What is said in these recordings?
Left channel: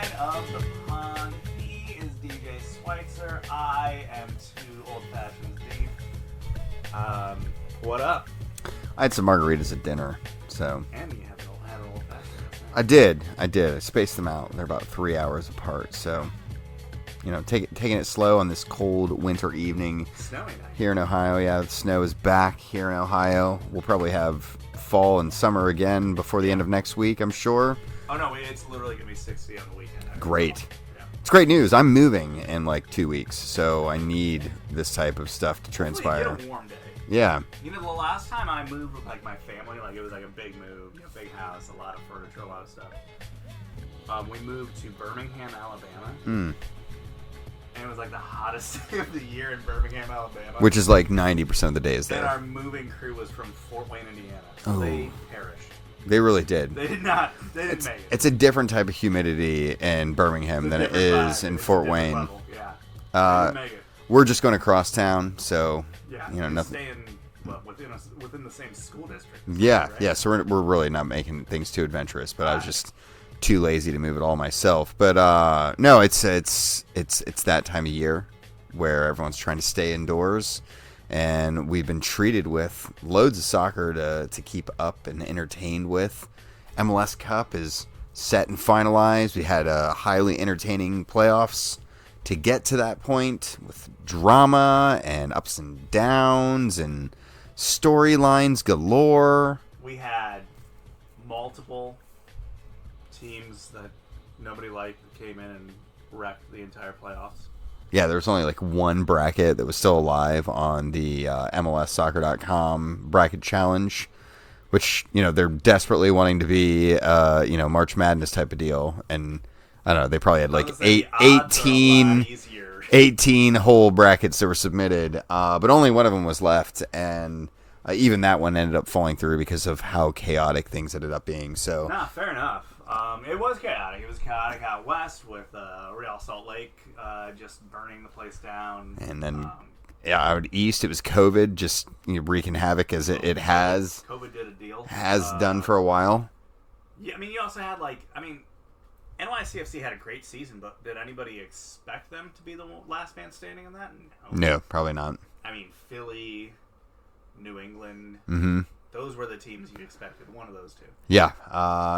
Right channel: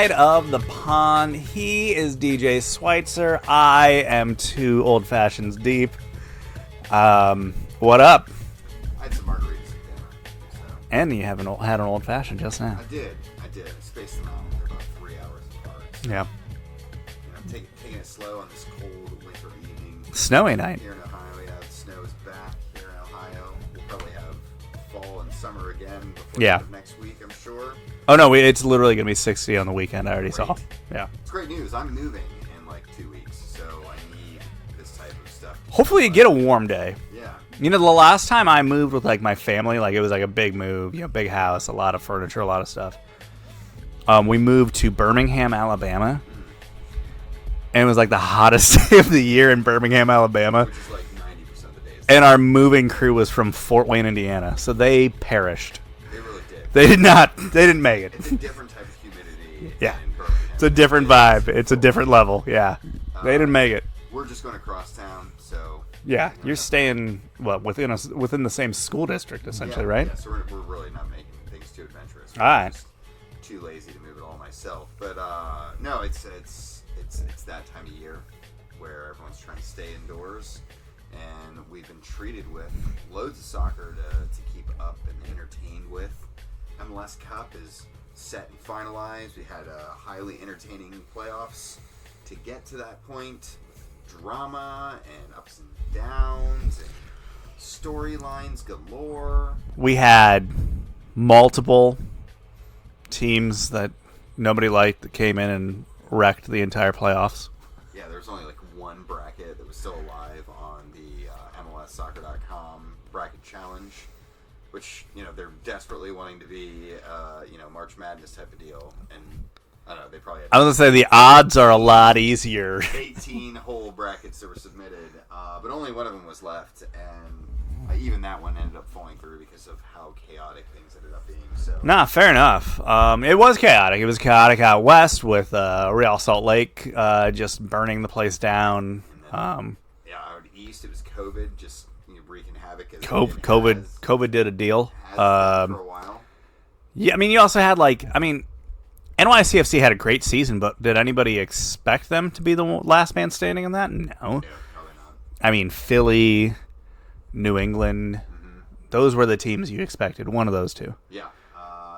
side of the pond. He is DJ Schweitzer. I am 2 old fashions deep. What up? I had some margaritas at dinner, so. And you had an old fashioned just now. I did. I spaced them out. They're about 3 hours apart, so. Yeah. You know, taking it slow on this cold winter evening. Snowy night. Here in Ohio, yeah. The snow is back here in Ohio. We'll probably have fall and summer again before the end of next week, I'm sure. Oh, no, it's literally going to be 60 on the weekend. I already saw. Yeah. It's great news. I'm moving in like 2 weeks, so I need this type of stuff to hopefully you get a warm day. Yeah. You know, the last time I moved with like my family, like it was like a big move, you know, big house, a lot of furniture, a lot of stuff. We moved to Birmingham, Alabama. And it was like the hottest day of the year in Birmingham, Alabama. Which is like 90% of the days. And our moving crew was from Fort Wayne, Indiana. So they perished. They really did. They didn't make it. It's a different type of humidity in Birmingham. It's a different vibe. It's a different level. Yeah. They didn't make it. We're just going to cross town, so... Yeah, you're staying, within the same school district, essentially, right? Yeah, so we're really not making things too adventurous. But I was just too lazy to move it all myself. But no, it's that time of year where everyone's trying to stay indoors, and we've been treated with loads of soccer to keep up and entertained with. MLS Cup is set and finalized. We had highly entertaining playoffs to get to that point with drama and ups and downs and storylines galore. We had multiple teams that nobody liked that came in and wrecked the entire playoffs. Yeah, there was only like one bracket that was still alive on the MLSsoccer.com bracket challenge, which, you know, they're desperately wanting to be, March Madness type of deal. And I don't know, they probably had I was going to say the odds are a lot easier. 18 whole brackets that were submitted, but only one of them was left. And even that one ended up falling through because of how chaotic things ended up being. So, nah, fair enough. It was chaotic. It was chaotic out west with Real Salt Lake just burning the place down. And then, out east, it was COVID just wreaking havoc as it has. COVID did a deal. Has done for a while. Yeah, I mean, you also had NYCFC had a great season, but did anybody expect them to be the last man standing in that? No, probably not. I mean, Philly, New England, those were the teams you expected. One of those two. Yeah,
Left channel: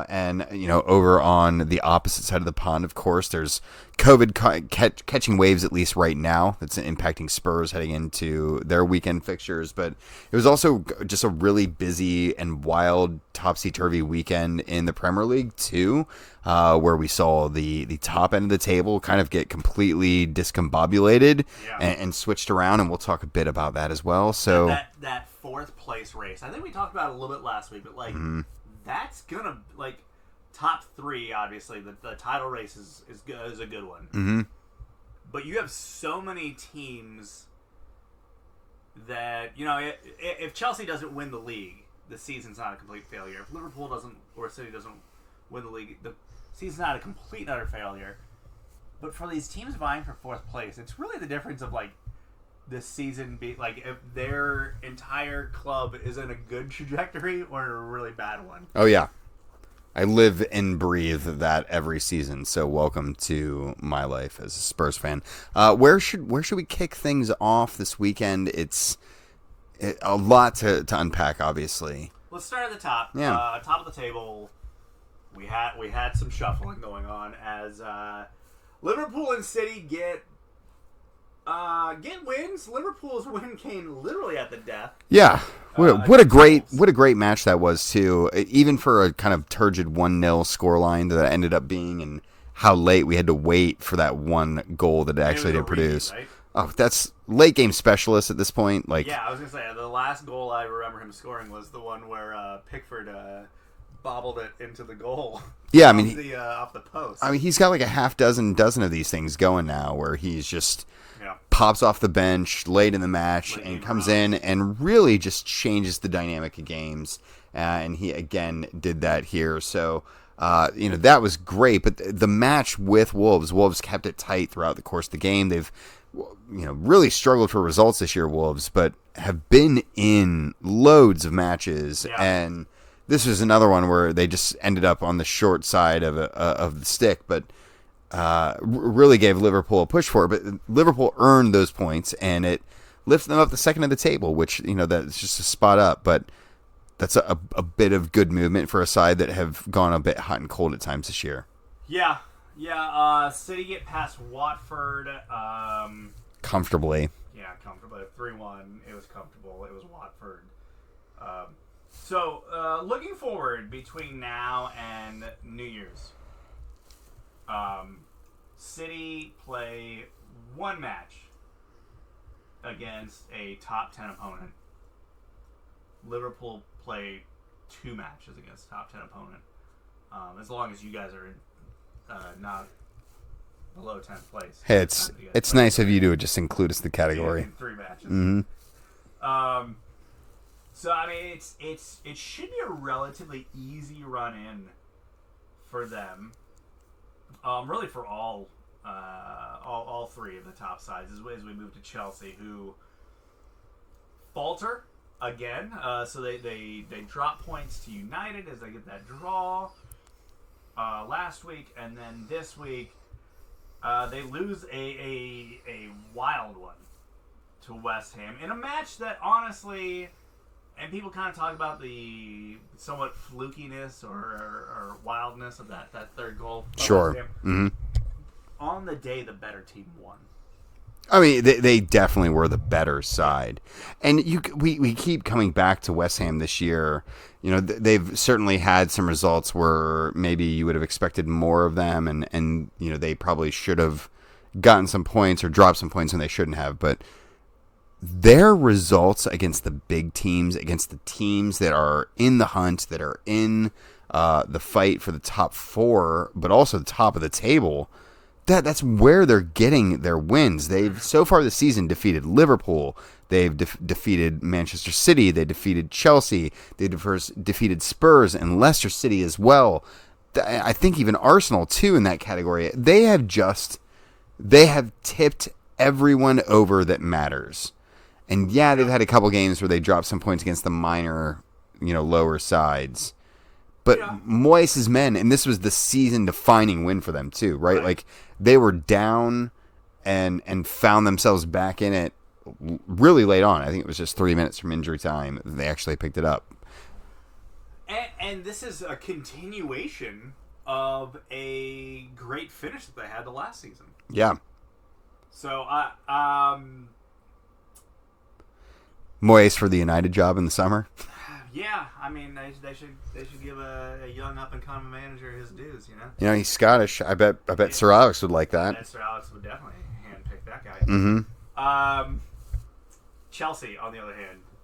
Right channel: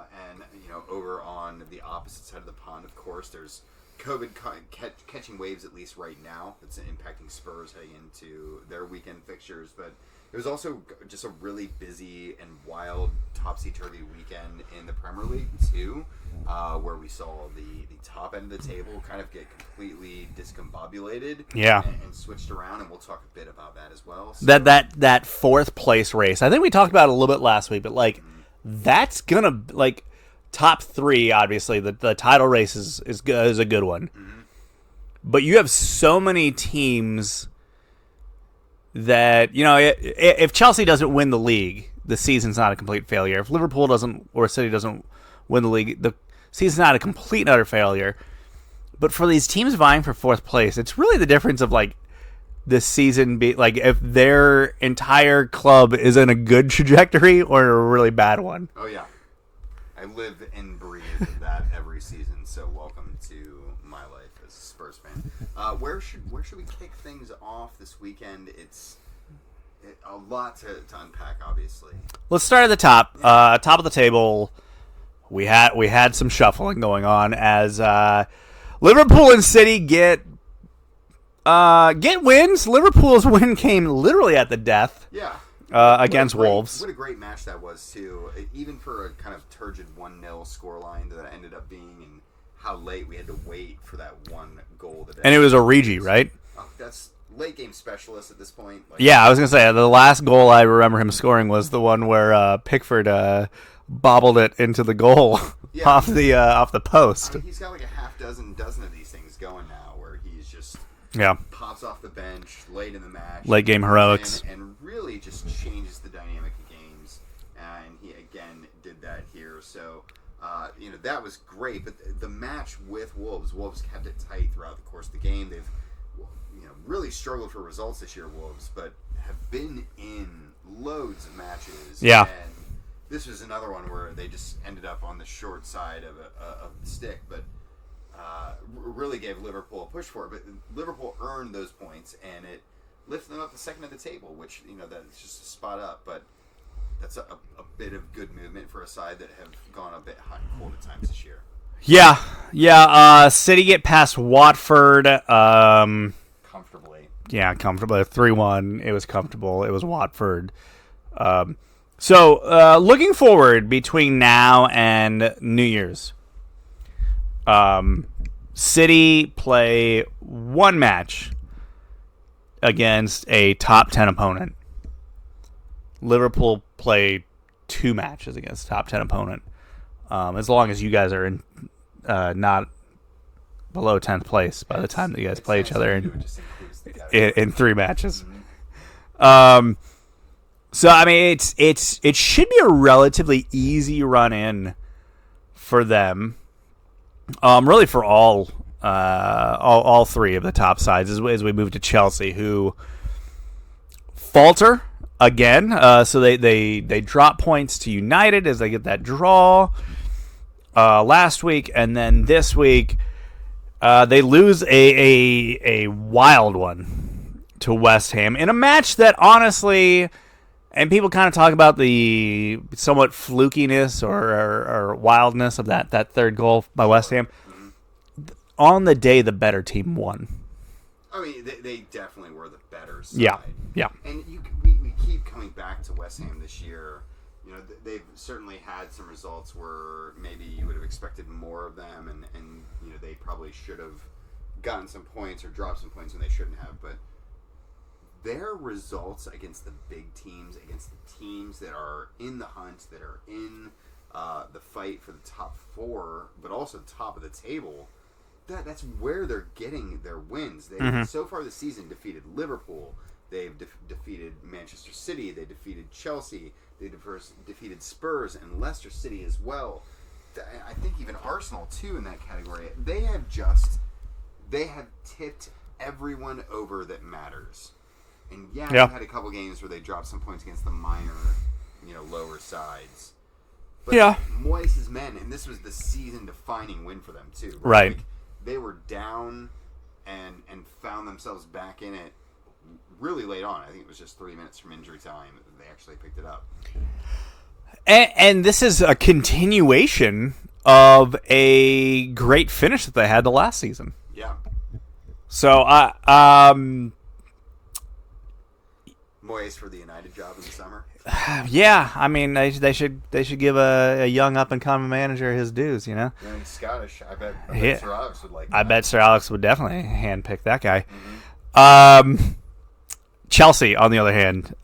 and over on the opposite side of the pond, of course, there's COVID catching waves, at least right now. That's impacting Spurs heading into their weekend fixtures. But it was also just a really busy and wild, topsy-turvy weekend in the Premier League, too, where we saw the top end of the table kind of get completely discombobulated and switched around, and we'll talk a bit about that as well. So that fourth place race, I think we talked about it a little bit last week, but that's gonna top 3, obviously the title race is a good one, but you have so many teams that if Chelsea doesn't win the league, the season's not a complete failure. If Liverpool doesn't or City doesn't win the league, the season's not a complete and utter failure. But for these teams vying for fourth place, it's really the difference of this season be if their entire club is in a good trajectory or a really bad one. Oh yeah, I live and breathe that every season. So welcome to my life as a Spurs fan. Where should we kick things off this weekend? It's a lot to unpack, obviously. Let's start at the top. Yeah. Top of the table. We had some shuffling going on as Liverpool and City get wins. Liverpool's win came literally at the death. Yeah. What a great match that was too. Even for a kind of turgid 1-0 scoreline that ended up being, and how late we had to wait for that one goal that. And it was Origi, right? Oh, that's late game specialist at this point. Yeah, I was gonna say the last goal I remember him scoring was the one where Pickford bobbled it into the goal. Yeah, off the post. I mean, he's got like a dozen of these things going now, where he's just Yeah. Pops off the bench late in the match. Late game heroics. And really just changes the dynamic of games. And he, again, did that here. So, that was great. But the match with Wolves kept it tight throughout the course of the game. They've, really struggled for results this year, Wolves, but have been in loads of matches. Yeah. And this was another one where they just ended up on the short side of the stick. But really gave Liverpool a push for it. But Liverpool earned those points, and it lifted them up the second of the table, which, that's just a spot up. But that's a bit of good movement for a side that have gone a bit hot and cold at times this year. Yeah. City get past Watford. Comfortably. Yeah, comfortably. 3-1. It was comfortable. It was Watford. So, looking forward between now and New Year's, City play one match against a top 10 opponent. Liverpool play 2 matches against a top 10 opponent. As long as you guys are in not below 10th place by the time that you guys it's play nice each other of you to just include us in the category. in 3 matches. Mm-hmm. So I mean, it should be a relatively easy run in for them. Really for all 3 of the top sides as we move to Chelsea, who falter again. So they drop points to United as they get that draw last week, and then this week they lose a wild one to West Ham in a match that honestly. And people kind of talk about the somewhat flukiness or wildness of that third goal by West Ham. Mm-hmm. On the day, the better team won. I mean, they definitely were the better side. Yeah. And we keep coming back to West Ham this year. They've certainly had some results where maybe you would have expected more of them, and they probably should have gotten some points or dropped some points when they shouldn't have, but their results against the big teams, against the teams that are in the hunt, that are in the fight for the top 4, but also the top of the table, that's where they're getting their wins. They've so far this season defeated Liverpool. They've defeated Manchester City. They defeated Chelsea. They defeated Spurs and Leicester City as well. I think even Arsenal too in that category. They have tipped everyone over that matters. And they've had a couple games where they dropped some points against the minor, lower sides. But Moyes' men, and this was the season-defining win for them too, right? Like they were down and found themselves back in it really late on. I think it was just 3 minutes from injury time that they actually picked it up. And this is a continuation of a great finish that they had the last season. Yeah. So, Moyes for the United job in the summer. Yeah, I mean they should give a young up and coming manager his dues. He's Scottish. I bet Sir Alex would like that. I bet Sir Alex would definitely handpick that guy. Mm-hmm. Chelsea, on the other hand,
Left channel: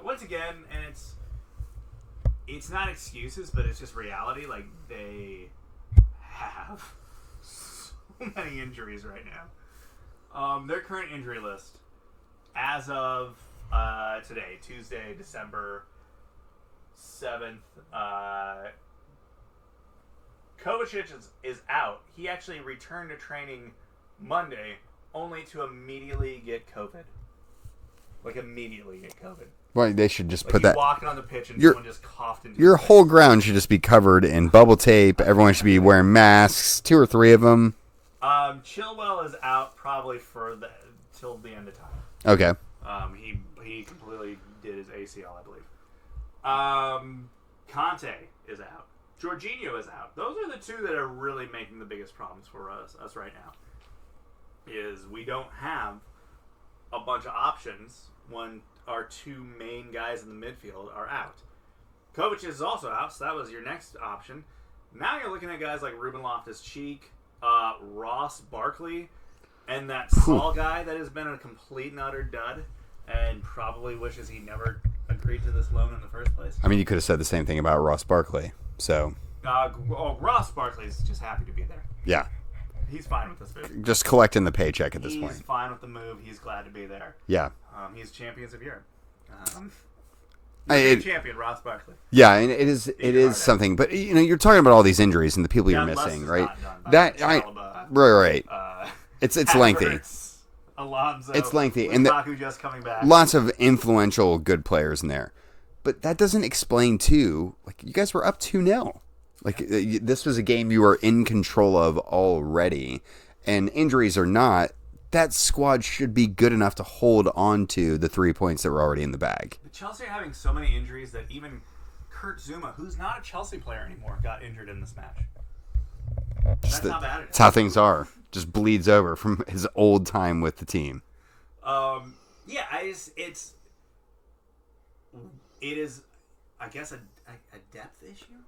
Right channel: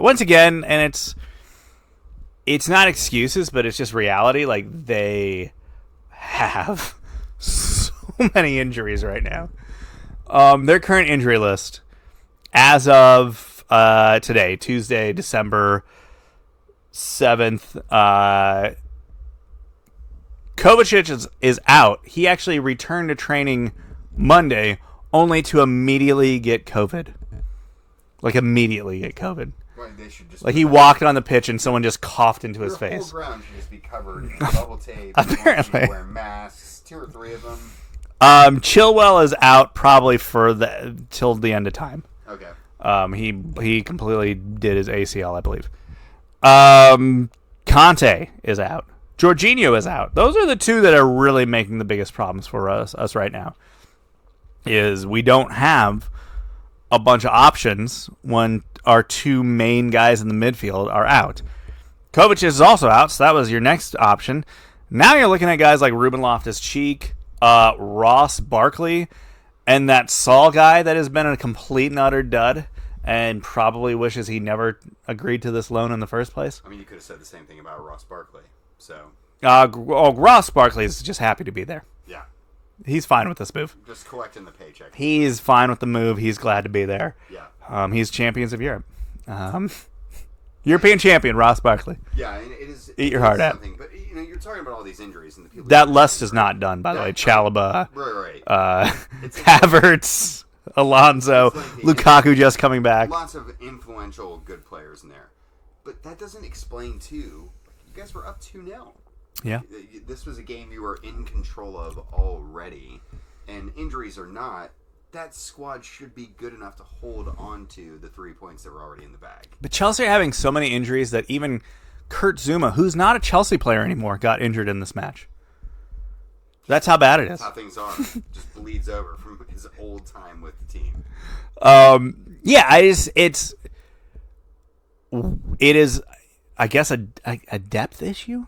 once again, and it's not excuses, but it's just reality. Like they have so many injuries right now. Their current injury list, as of today, Tuesday, December 7th, Kovacic is out. He actually returned to training Monday, only to immediately get COVID. Like, immediately get COVID. Well, they should just he walked on the pitch and someone just coughed into his face. Your whole ground should just be covered in bubble tape. Everyone should be wearing masks, 2 or 3 of them. Chilwell is out probably till the end of time. Okay. He completely did his ACL, I believe. Conte is out. Jorginho is out. Those are the 2 that are really making the biggest problems for us right now. Is we don't have a bunch of options when our 2 main guys in the midfield are out. Kovacic is also out, so that was your next option. Now you're looking at guys like Ruben Loftus-Cheek, Ross Barkley, and that Saul guy that has been a complete and utter dud and probably wishes he never agreed to this loan in the first place. I mean, you could have said the same thing about Ross Barkley. So, Ross Barkley is just happy to be there. Yeah. He's fine with this move. Just collecting the paycheck. He's fine with the move. He's glad to be there. Yeah. He's champions of Europe. European champion, Ross Barkley. Yeah, and it is something. But, you're talking about all these injuries and the people that list is not done, by the way. Chalobah. Right. It's Havertz, Alonso, Lukaku just coming back. Lots of influential good players in there. But that doesn't explain, too, like, you guys were up 2-0. This was a game you were in control of already, and injuries or not, that squad should be good enough to hold on to the 3 points that were already in the bag. But Chelsea are having so many injuries that even Kurt Zuma, who's not a Chelsea player anymore, got injured in this match. That's how bad it is. That's how things are. Just bleeds over from his old time with the team. It is, I guess, a depth issue.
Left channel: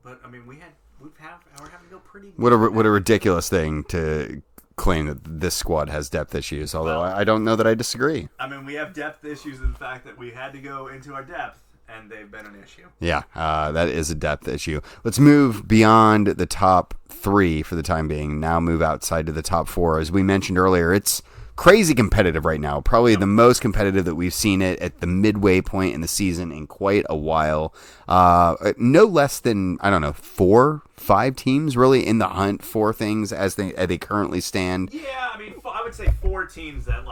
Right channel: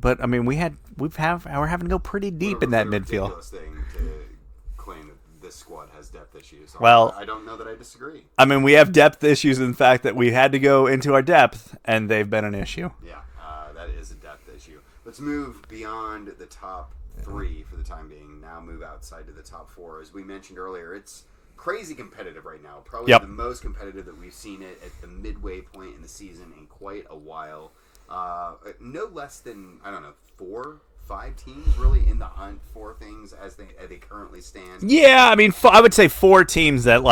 But I mean, we're having to go pretty deep. What a ridiculous thing to claim that this squad has depth issues. Well, I don't know that I disagree. I mean, we have depth issues in the fact that we had to go into our depth, and they've been an issue. Yeah, that is a depth issue. Let's move beyond the top 3 for the time being. Now move outside to the top 4. As we mentioned earlier, it's crazy competitive right now. Probably the most competitive that we've seen it at the midway point in the season in quite a while. No less than, 4, 5 teams really in the hunt for things as they currently stand. Yeah, I mean, I would say 4 teams that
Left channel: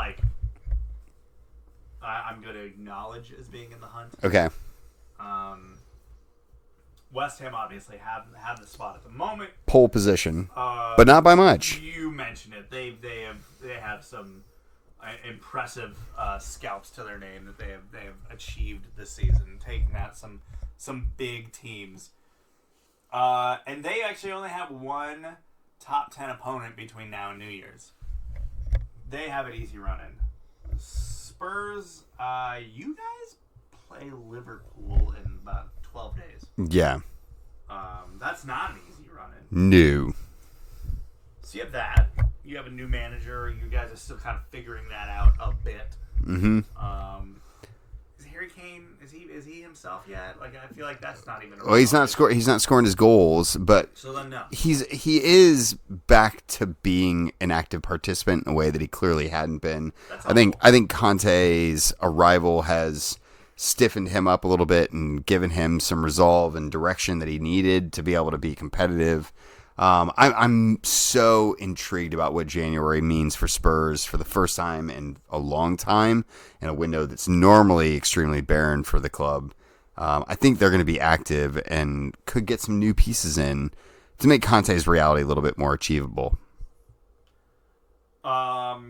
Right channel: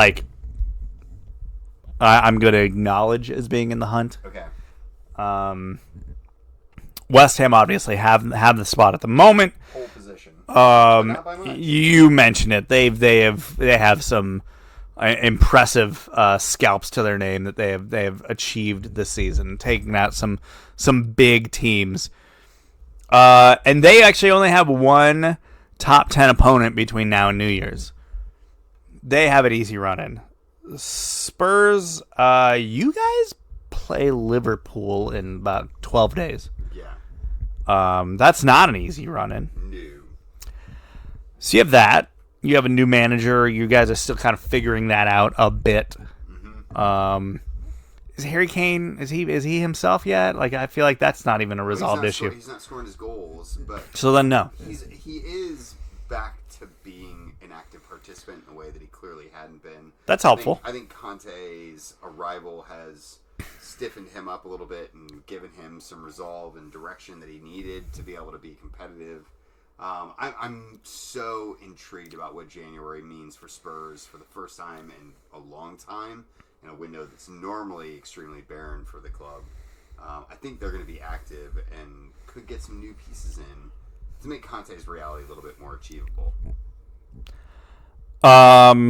I'm going to acknowledge as being in the hunt. Okay. West Ham obviously have the spot at the moment, pole position, but not by much. You mentioned it. They have some impressive scalps to their name that they have achieved this season, taking out some big teams. And they actually only have one top 10 opponent between now and New Year's. They have an easy run in. Spurs, you guys play Liverpool in about 12 days. Yeah. That's not an easy run in. No. So you have that. You have a new manager. You guys are still kind of figuring that out a bit. Mm-hmm. Is Harry Kane, is he himself yet? I feel like that's not even a resolved issue. He's not scoring his goals, but so then no. He is back to being an active participant in a way that he clearly hadn't been. That's helpful. I think Conte's arrival has stiffened him up a little bit and given him some resolve and direction that he needed to be able to be competitive. I'm so intrigued about what January means for Spurs for the first time in a long time in a window that's normally extremely barren for the club. I think they're going to be active and could get some new pieces in to make Conte's reality a little bit more achievable. Yeah,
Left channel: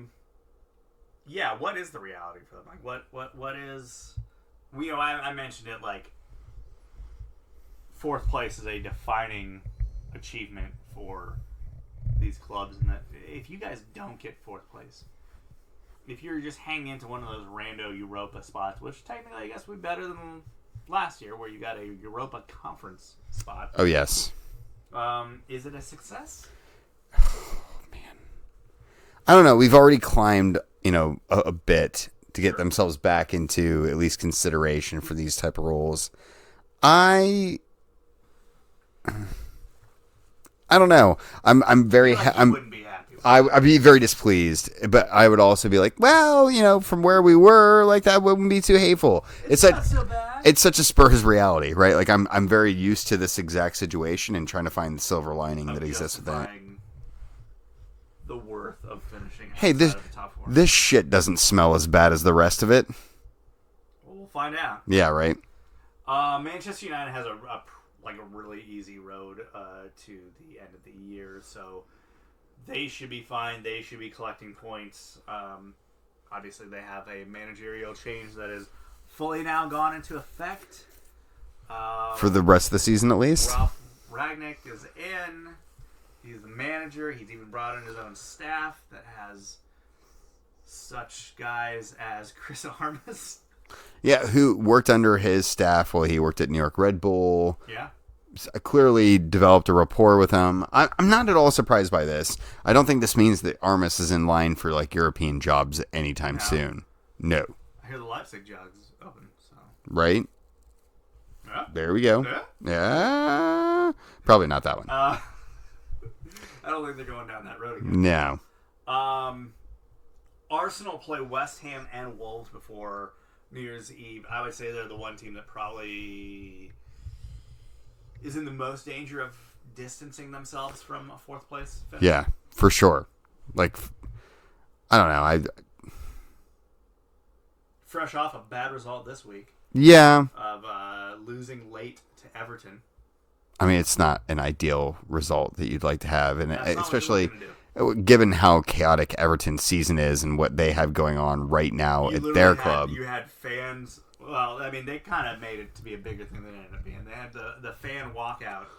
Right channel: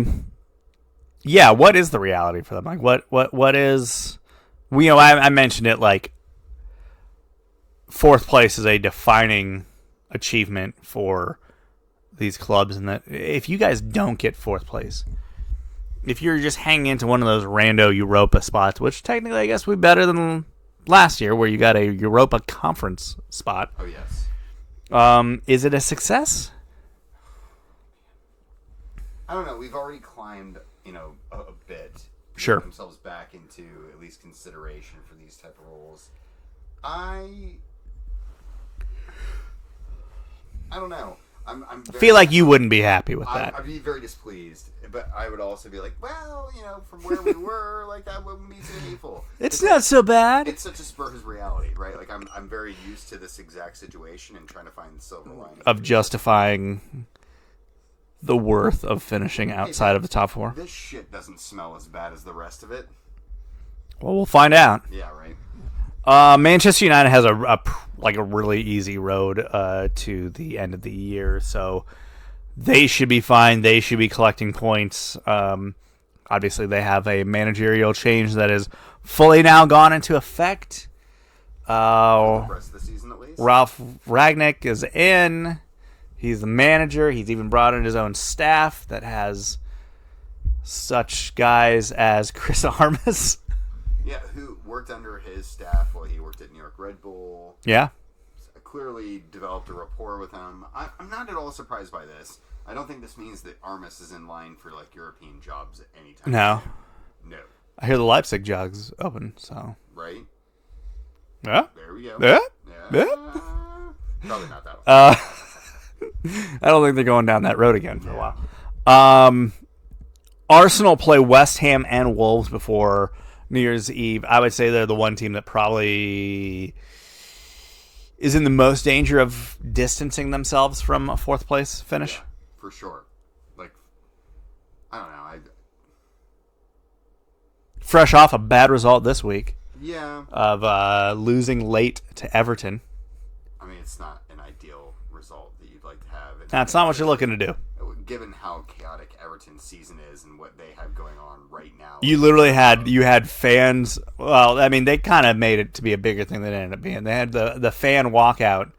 what is the reality for them? What is... I mentioned it, fourth place is a defining achievement for these clubs, and that if you guys don't get fourth place, if you're just hanging into one of those rando Europa spots, which technically I guess would be better than last year where you got a Europa Conference spot. Oh, yes. Is it a success? Oh, man. I don't know. We've already climbed, a bit to get themselves back into at least consideration for these type of roles. I don't know. I'm very. I feel like you wouldn't be happy with that. I'd be very displeased, but I would also be like, well, from where we were, that wouldn't be too hateful. It's not so bad. It's such a Spurs reality, right? I'm very used to this exact situation and trying to find the silver lining of justifying the worth of finishing outside of the top 4. This shit doesn't smell as bad as the rest of it. Well, we'll find out. Yeah, right. Manchester United has a really easy road to the end of the year, so they should be fine. They should be collecting points. Obviously, they have a managerial change that is fully now gone into effect. For the rest of the season, at least? Ralph Ragnick is in. He's the manager. He's even brought in his own staff that has such guys as Chris Armas. Yeah, who worked under his staff while he worked at New York Red Bull. Yeah. Clearly developed a rapport with him. I'm not at all surprised by this. I don't think this means that Armas is in line for European jobs anytime soon. No. I hear the Leipzig job's open, so. Right? Yeah. There we go. Yeah. Probably not that one. I don't think they're going down that road again. No. Arsenal play West Ham and Wolves before New Year's Eve. I would say they're the one team that probably is in the most danger of distancing themselves from a fourth place finish. Yeah, for sure. I don't know. Fresh off a bad result this week. Yeah. Of losing late to Everton. I mean, it's not an ideal result that you'd like to have. And that's not what you're looking to do. Given how chaotic Everton's season is and what they have going on right now. You literally had fans. Well, I mean, they kind of made it to be a bigger thing than it ended up being. They had the fan walkout,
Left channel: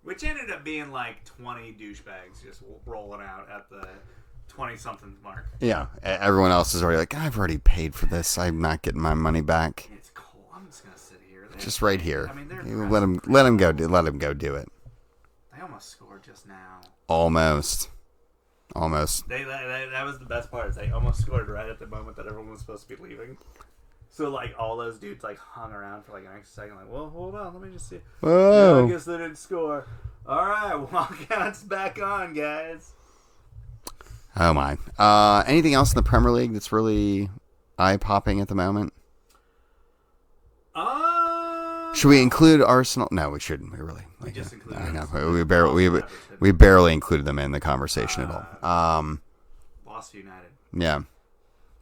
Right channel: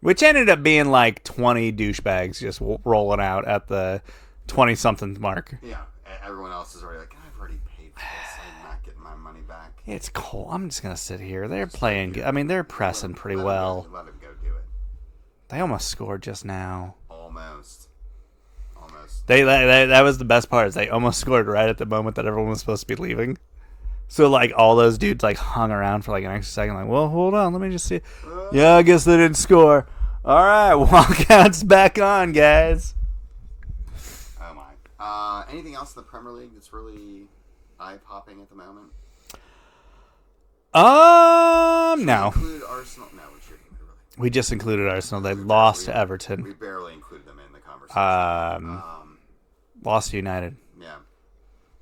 which ended up being like 20 douchebags just rolling out at the 20-something mark. Yeah. Everyone else is already like, I've already paid for this. I'm not getting my money back. It's cold. I'm just going to sit here. They're just playing. Right here. I mean, they're pressing pretty let well. Let them go do it. They almost scored just now. Almost. That was the best part. Is they almost scored right at the moment that everyone was supposed to be leaving. So like all those dudes like hung around for like an extra second. Like, well, hold on, let me just see. Oh. Yeah, I guess they didn't score. All right, walkout's back on, guys. Oh my. Anything else in the Premier League that's really eye popping at the moment? Should we include Arsenal? No, we shouldn't. We just included Arsenal. They lost Everton. We barely included them in the conversation. Lost United. Yeah,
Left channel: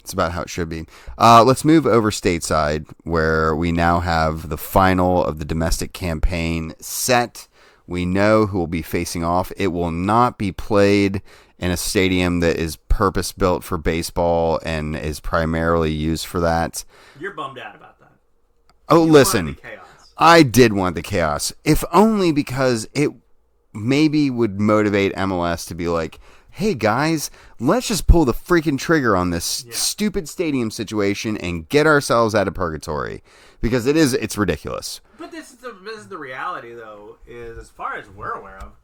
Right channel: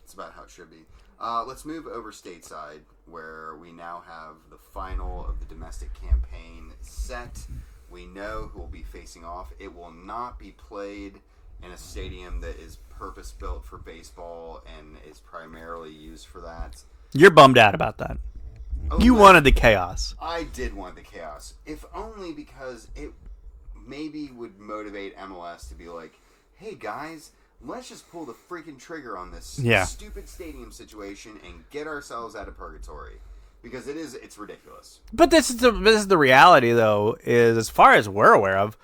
it's about how it should be. Let's move over stateside, where we now have the final of the domestic campaign set. We know who will be facing off. It will not be played in a stadium that is purpose-built for baseball and is primarily used for that. You're bummed out about that. Oh, you wanted the chaos. I did want the chaos, if only because it maybe would motivate MLS to be like, hey, guys, let's just pull the freaking trigger on this stupid stadium situation and get ourselves out of purgatory. Because it's ridiculous. But this is the reality, though, is as far as we're aware of,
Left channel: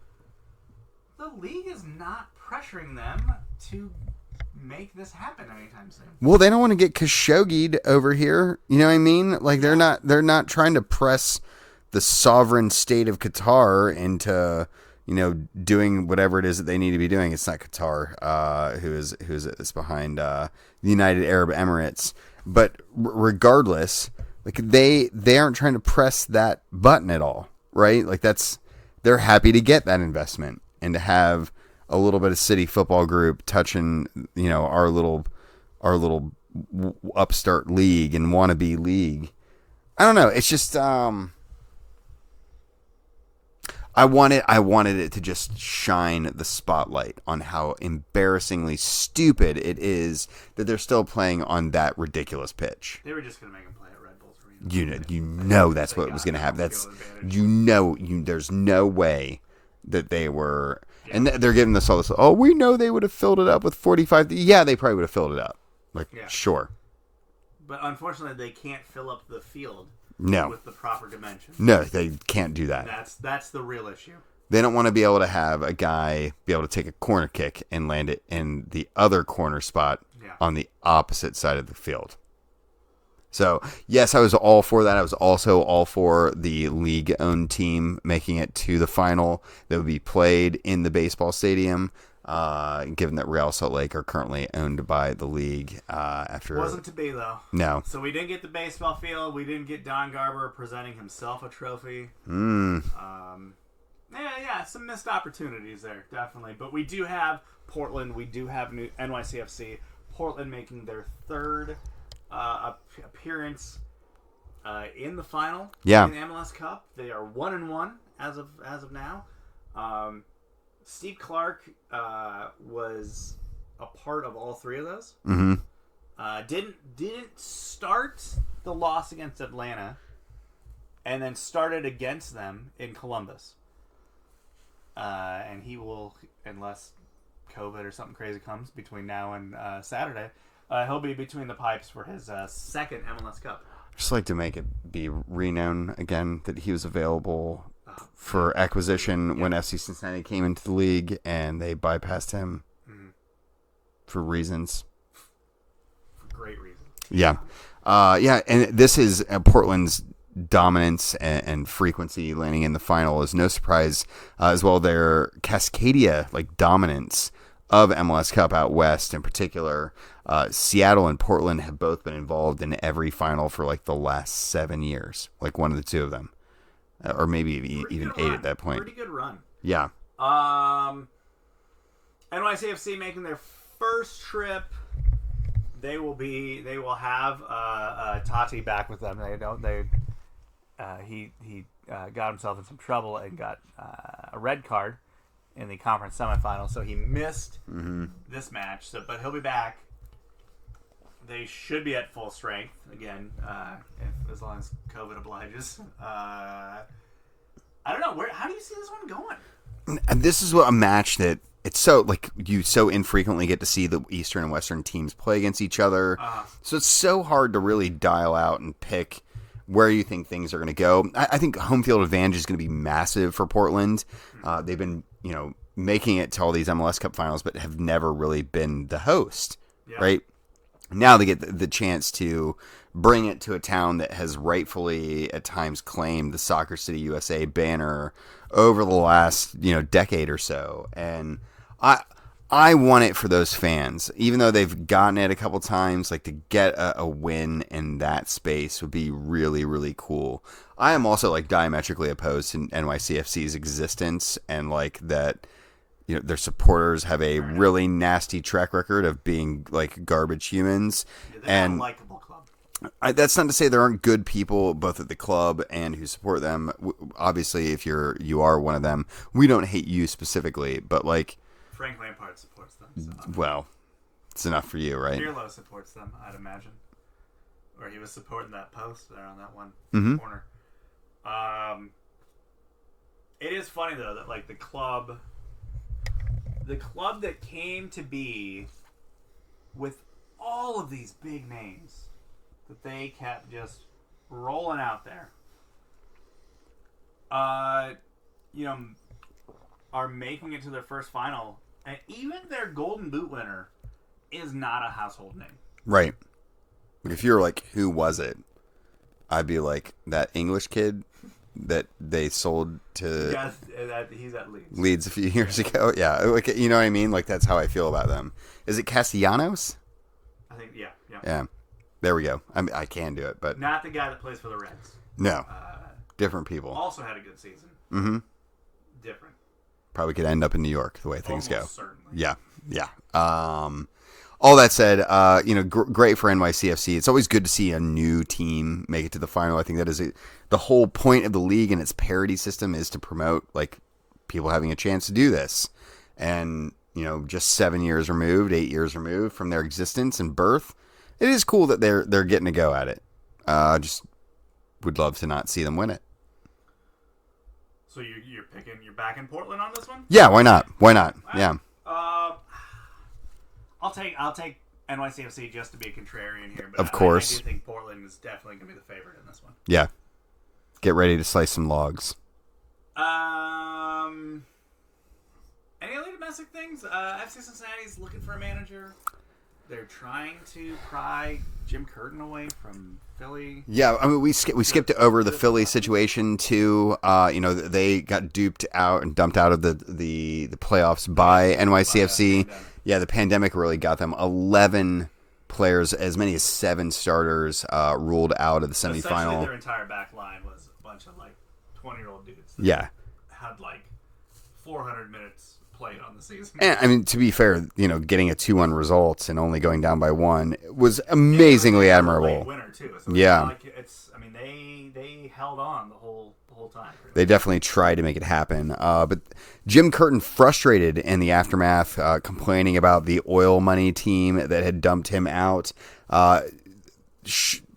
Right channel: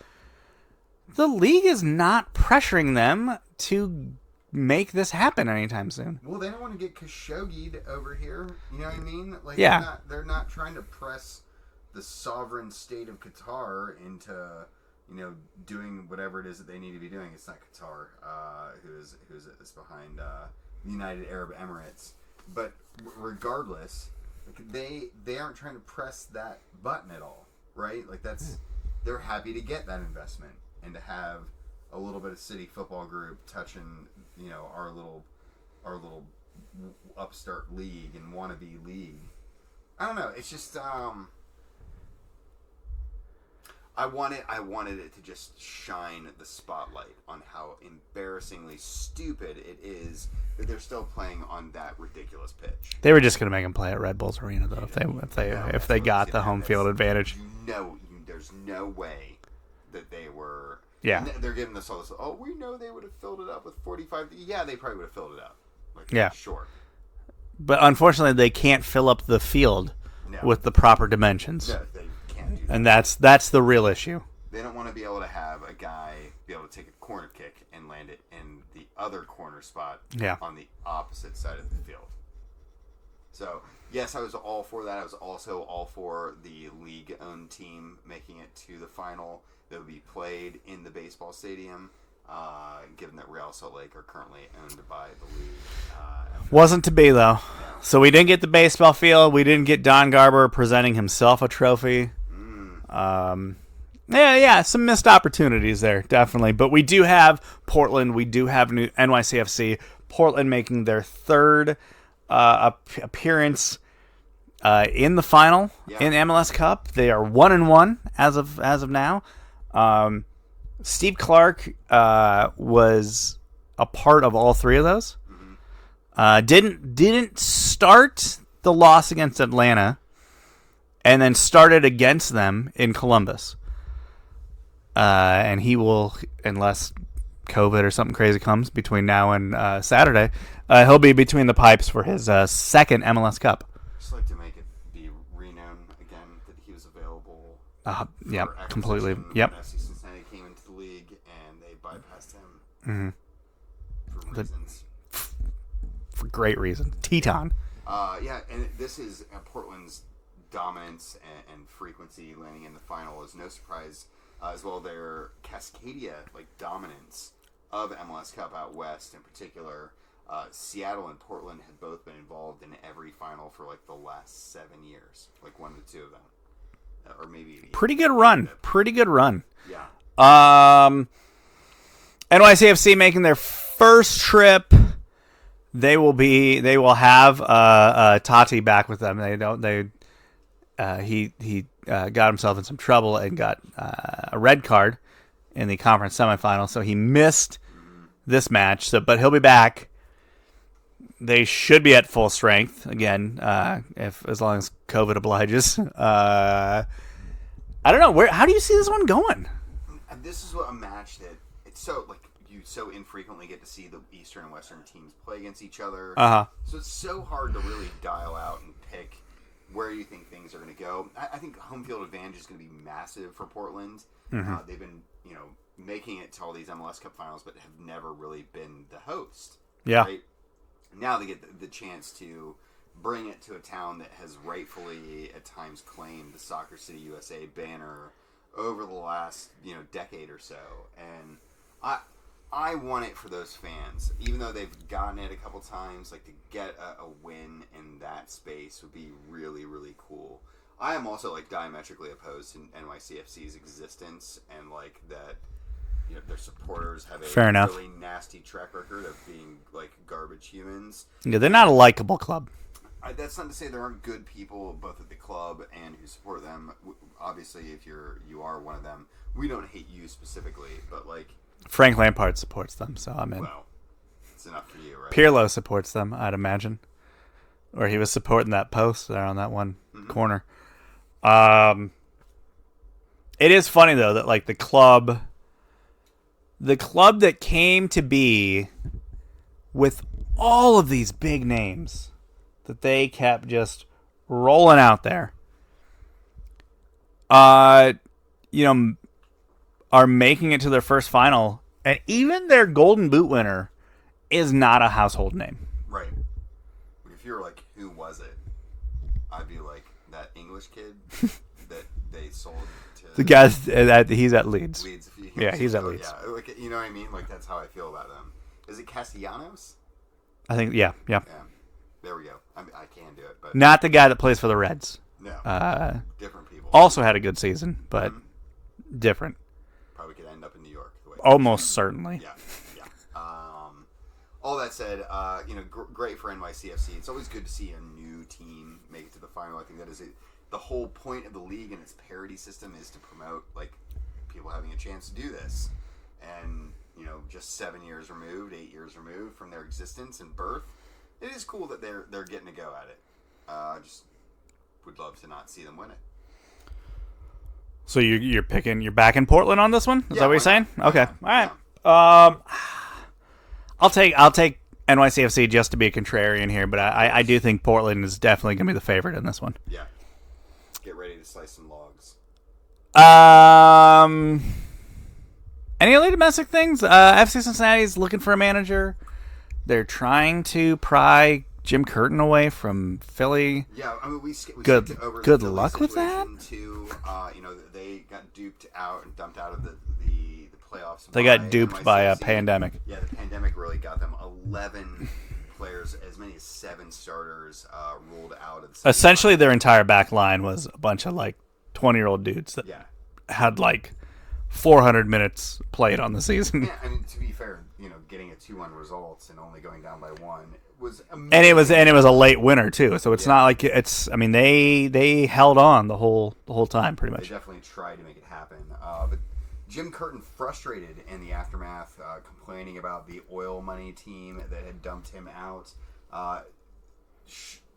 the league is not pressuring them to make this happen anytime soon. Well, they don't want to get Khashoggi'd over here. You know what I mean? Like they're not trying to press the sovereign state of Qatar into, doing whatever it is that they need to be doing. It's not Qatar, who's behind the United Arab Emirates. But regardless, like they aren't trying to press that button at all, right? Like they're happy to get that investment and to have a little bit of city football group touching, our little upstart league and wannabe league. I don't know. It's just I wanted it to just shine the spotlight on how embarrassingly stupid it is that they're still playing on that ridiculous pitch. They were just going to make them play at Red Bulls Arena. If they got the home field advantage. There's no way that they were. Yeah. And they're giving this all this. Oh, we know they would have filled it up with 45. Yeah, they probably would have filled it up. Sure. But unfortunately, they can't fill up the field. No. With the proper dimensions. No, they can't do that. And that's the real issue. They don't want to be able to have a guy be able to take a corner kick and land it in the other corner spot on the opposite side of the field. So, yes, I was all for that. I was also all for the league-owned team making it to the final that would be played in the baseball stadium. Given that Real Salt Lake are currently owned by the league. Wasn't to be, though. No. So we didn't get the baseball field. We didn't get Don Garber presenting himself a trophy. Some missed opportunities there, definitely. But we do have Portland. We do have new NYCFC. Portland making their third appearance in the final in MLS Cup. They are 1-1 as of now. Steve Clark was a part of all three of those. Mm-hmm. Didn't start the loss against Atlanta, and then started against them in Columbus. And he will, unless COVID or something crazy comes between now and Saturday, he'll be between the pipes for his second MLS Cup. Just like to make it be renowned again that he was available for acquisition when FC Cincinnati came into the league, and they bypassed him for reasons. For great reasons. Teton. And this is Portland's dominance and frequency landing in the final is no surprise, as well their Cascadia dominance of MLS Cup out west in particular. Seattle and Portland have both been involved in every final for the last 7 years, one of the two of them. Or maybe pretty good run. Pretty good run. Yeah. NYCFC making their first trip. They will have Tati back with them. He got himself in some trouble and got a red card in the conference semifinal, so he missed this match. But he'll be back. They should be at full strength again, as long as COVID obliges. I don't know how do you see this one going? This is a match that it's so you so infrequently get to see the Eastern and Western teams play against each other. So it's so hard to really dial out and pick where you think things are going to go. I think home field advantage is going to be massive for Portland. They've been making it to all these MLS Cup finals, but have never really been the host. Yeah. Right. Now they get the chance to bring it to a town that has rightfully at times claimed the Soccer City USA banner over the last decade or so, and I want it for those fans, even though they've gotten it a couple times. Like, to get a win in that space would be really, really cool. I am also diametrically opposed to NYCFC's existence, and that their supporters have a really nasty track record of being garbage humans. Yeah, they're not a likable club. That's not to say there aren't good people both at the club and who support them. Obviously, if you are one of them, we don't hate you specifically, but Frank Lampard supports them, so well, it's enough for you, right? Pirlo supports them, I'd imagine, or he was supporting that post there on that one corner. It is funny though that the club that came to be with all of these big names that they kept just rolling out there, are making it to their first final, and even their Golden Boot winner is not a household name. Right. If you're who was it? I'd be that English kid that they sold to the guy that he's at Leeds. Leeds a few years ago. Yeah, you know what I mean? That's how I feel about them. Is it Castellanos? I think yeah. There we go. I can do it, but not the guy that plays for the Reds. No, different people. Also had a good season, but different. Probably could end up in New York the way things almost go. Certainly. Yeah. All that said, great for NYCFC. It's always good to see a new team make it to the final. I think that is the whole point of the league and its parity system is to promote people having a chance to do this. And just 7 years removed, 8 years removed from their existence and birth, it is cool that they're getting to go at it. Just would love to not see them win it. So you're back in Portland on this one? Yeah, why not? Why not? Right. Yeah. I'll take NYCFC just to be a contrarian here, but I do think Portland is definitely going to be the favorite in this one. Yeah. Get ready to slice some logs. Any other domestic things? FC Cincinnati's looking for a manager. They're trying to pry Jim Curtin away from Philly. Yeah, I mean, we skipped over the Philly situation too. They got duped out and dumped out of the playoffs by NYCFC. By a pandemic. Yeah, the pandemic really got them. 11 players, as many as 7 starters, ruled out of the semifinal. Essentially, their entire back line was a bunch of 20-year-old dudes that had 400 minutes played on the season. And, I mean, to be fair, getting a 2-1 result and only going down by 1 was amazing. And it was a late winner too, so it's not like it's. I mean, they held on the whole time pretty much. They definitely tried to make it happen, but Jim Curtin, frustrated in the aftermath, complaining about the oil money team that had dumped him out.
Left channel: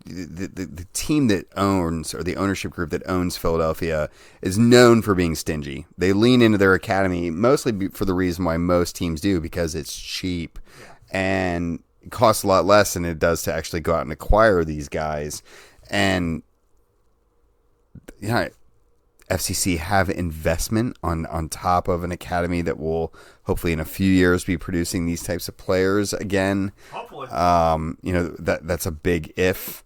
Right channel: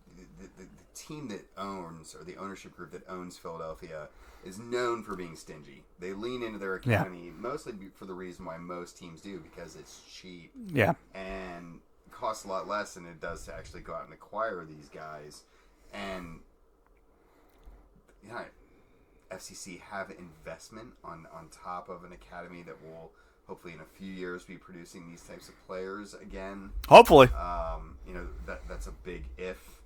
The team that owns, or the ownership group that owns Philadelphia, is known for being stingy. They lean into their academy mostly for the reason why most teams do, because it's cheap. Yeah. And it costs a lot less than it does to actually go out and acquire these guys. And FCC have investment on top of an academy that will hopefully in a few years be producing these types of players again. Hopefully. That's a big if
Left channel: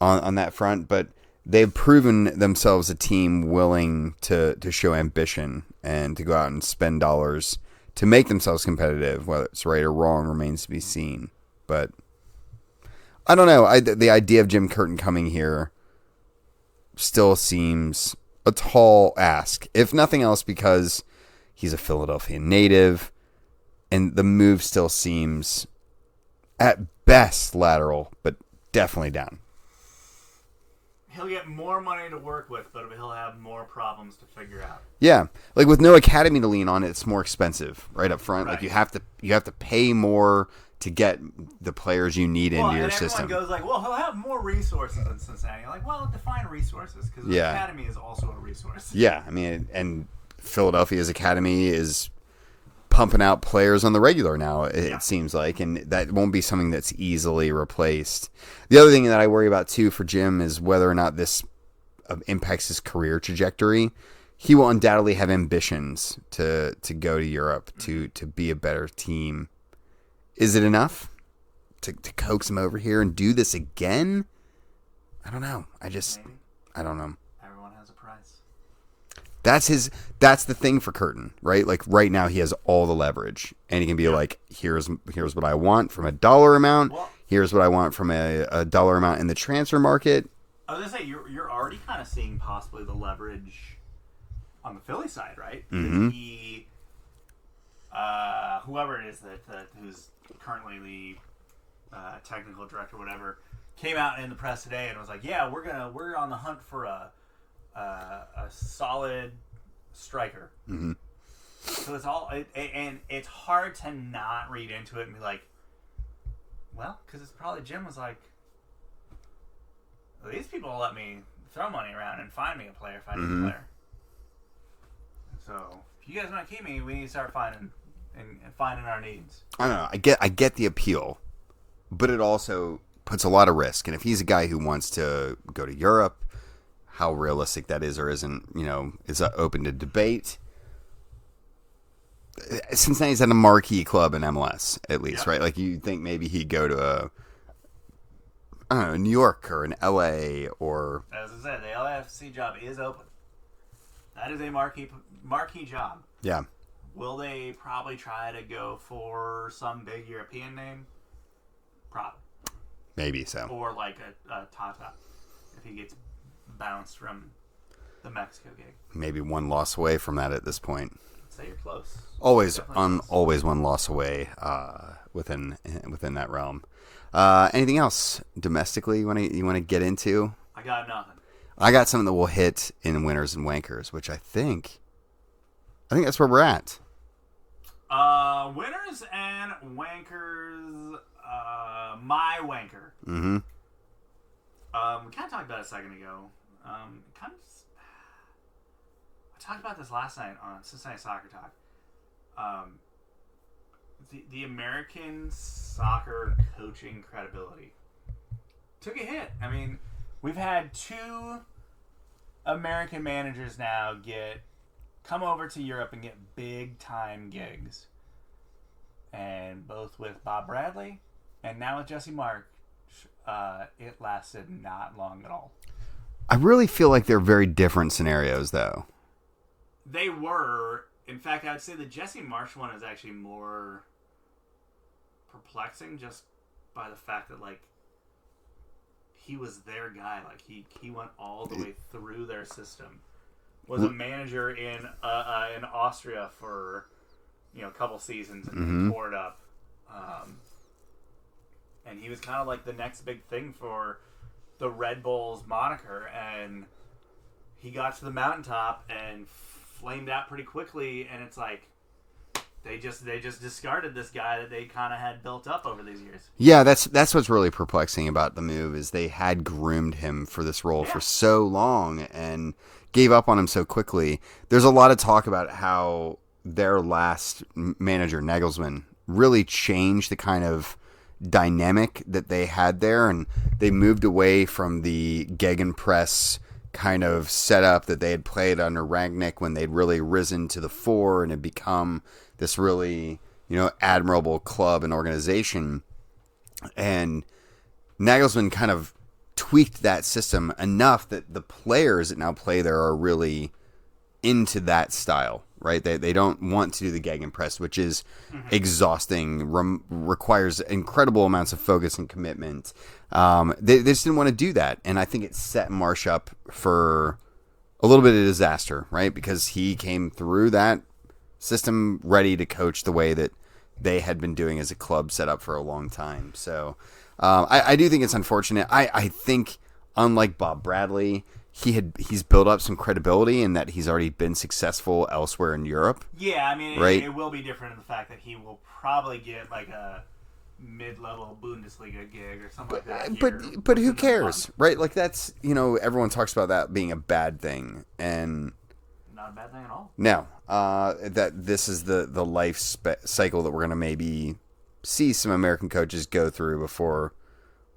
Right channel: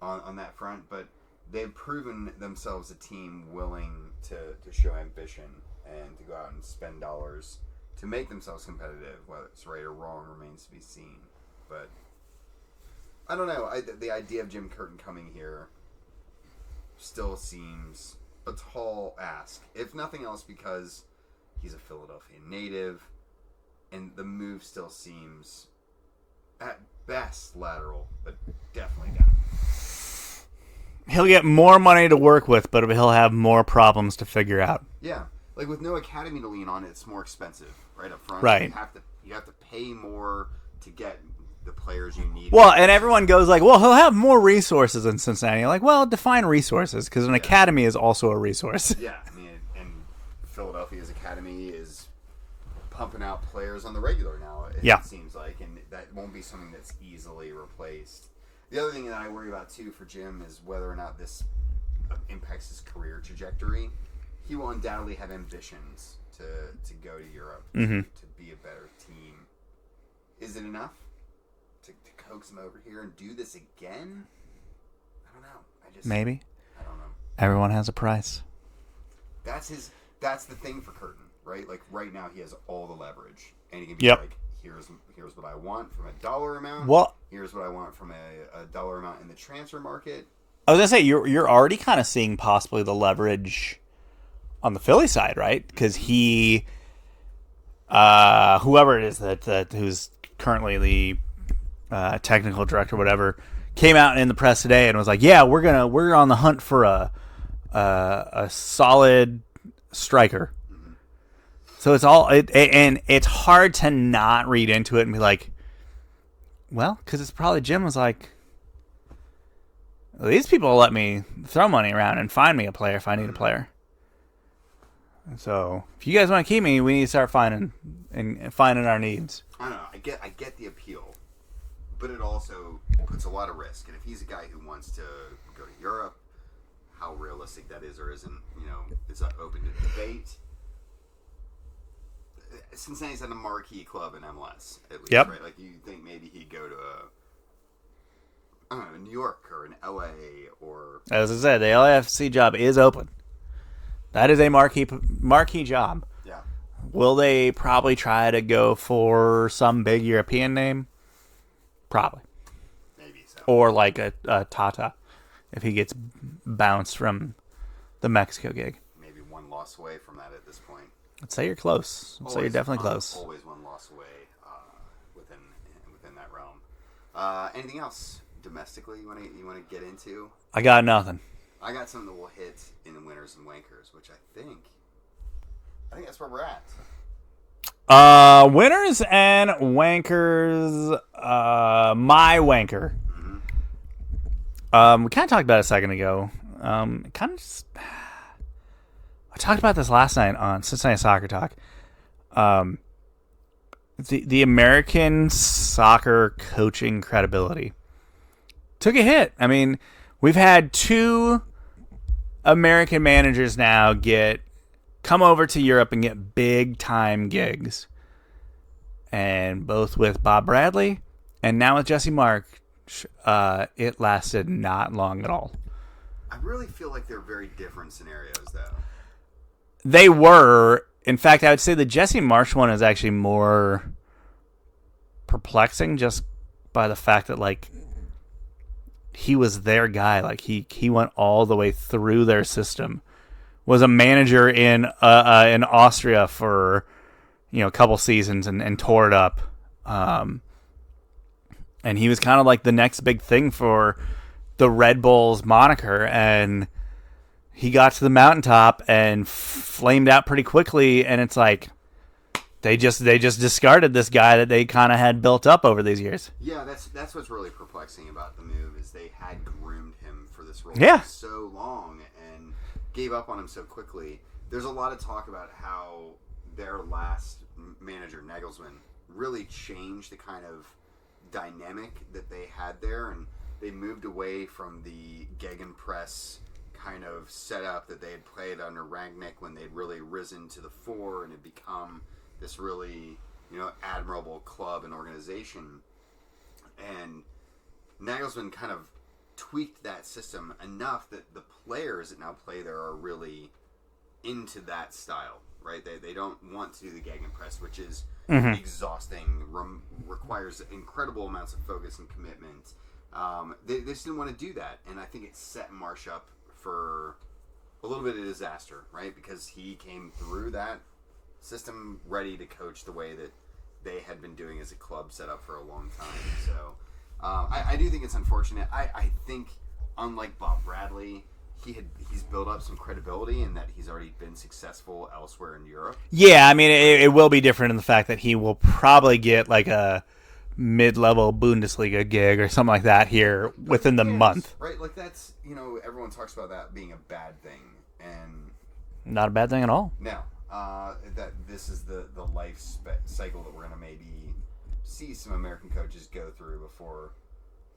on that front, but they've proven themselves a team willing to show ambition and to go out and spend dollars to make themselves competitive. Whether it's right or wrong remains to be seen. But I don't know. The idea of Jim Curtin coming here still seems a tall ask, if nothing else because he's a Philadelphia native, and the move still seems at best lateral, but definitely down. he'll get more money to work with, but he'll have more problems to figure out. Yeah, like with no academy to lean on, it's more expensive right up front. Right, like you have to pay more to get the players you need. Well, and everyone goes like, "Well, he'll have more resources in Cincinnati." Like, well, define resources, because an academy is also a resource. Yeah, I mean, and Philadelphia's academy is pumping out players on the regular now. It seems like, and that won't be something that's easily replaced. The other thing that I worry about too for Jim is whether or not this impacts his career trajectory. He will undoubtedly have ambitions to go to Europe to be a better team. Is it enough to coax him over here and do this again? I don't know. Maybe. I don't know. Everyone has a price. That's the thing for Curtin, right? Like right now he has all the leverage, and he can be like, here's what I want from a dollar amount. Well, here's what I want from a dollar amount in the transfer market. I was gonna say you're already kind of seeing possibly the leverage on the Philly side, right? Because he, whoever it is that who's currently the technical director, whatever, came out in the press today and was like, "Yeah, we're on the hunt for a solid striker." Mm-hmm. So it's all and it's hard to not read into it and be like, well, because it's probably Jim was like, these people let me throw money around and find me a player if I need a player. So if you guys want to keep me, we need to start finding our needs. I don't know. I get the appeal, but it also puts a lot of risk. And if he's a guy who wants to go to Europe, how realistic that is or isn't, is open to debate. Cincinnati's at a marquee club in MLS, at least, right? Like you think maybe he'd go to New York or an LA or. As I said, the LAFC job is open. That is a marquee job. Yeah. Will they probably try to go for some big European name? Probably. Maybe so. Or like a Tata, if he gets bounced from the Mexico gig. Maybe one loss away from that at this point. I'd say you're close. Always, definitely close. Always one loss away within that realm. Anything else domestically you want to get into? I got nothing. I got something that will hit in winners and wankers, which I think that's where we're at. Winners and wankers. My wanker. Mm-hmm. We kind of talked about it a second ago. I talked about this last night on Cincinnati Soccer Talk. The American soccer coaching credibility took a hit. I mean, we've had 2 American managers now come over to Europe and get big time gigs, and both with Bob Bradley and now with Jesse Marsch, it lasted not long at all. I really feel like they're very different scenarios, though. They were. In fact, I would say the Jesse Marsch one is actually more perplexing, just by the fact that he was their guy. Like he went all the way through their system. Was a manager in Austria for a couple seasons and tore it up. And he was kind of like the next big thing for the Red Bulls moniker, and he got to the mountaintop and flamed out pretty quickly. And it's like they just discarded this guy that they kind of had built up over these years. Yeah, that's what's really perplexing about the move is they had groomed him for this role for so long and gave up on him so quickly. There's a lot of talk about how their last manager, Nagelsmann, really changed the kind of dynamic that they had there, and they moved away from the gegenpress kind of setup that they had played under Rangnick when they'd really risen to the fore and had become this really, admirable club and organization. And Nagelsmann kind of tweaked that system enough that the players that now play there are really into that style, right? They don't want to do the gegenpress, which is exhausting, requires incredible amounts of focus and commitment. They just didn't want to do that. And I think it set Marsch up for a little bit of disaster, right? Because he came through that system ready to coach the way that they had been doing as a club set up for a long time. So I do think it's unfortunate. I think unlike Bob Bradley, he's built up some credibility in that he's already been successful elsewhere in Europe. Yeah, I mean, right? It will be different in the fact that he will probably get like a mid-level Bundesliga gig or something like that here but within the month. Right? Like that's, everyone talks about that being a bad thing, and not a bad thing at all. No. That this is the life cycle that we're going to maybe see some American coaches go through before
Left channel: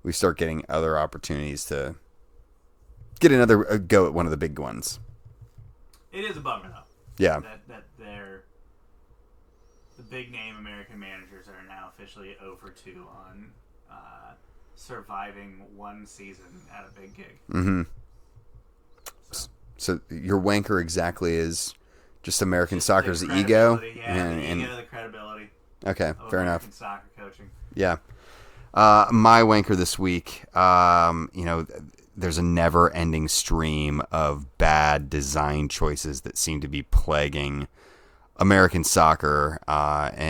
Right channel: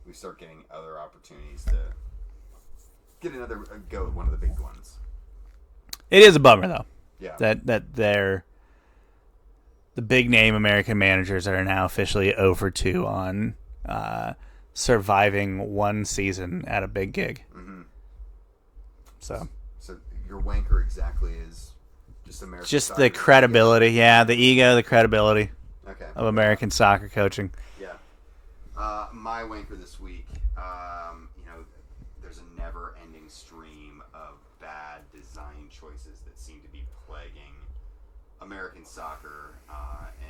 we start getting other opportunities to get another go at one of the big ones. It is a bummer, though. Yeah. That they're the big name American managers are now officially 0 for 2 on surviving one season at a big gig. Mm-hmm. So your wanker exactly is just American soccer's the credibility, ego? Yeah, the ego, the credibility. Okay, of American soccer coaching. Yeah. My wanker this week, there's a never-ending stream of bad design choices that seem to be plaguing American soccer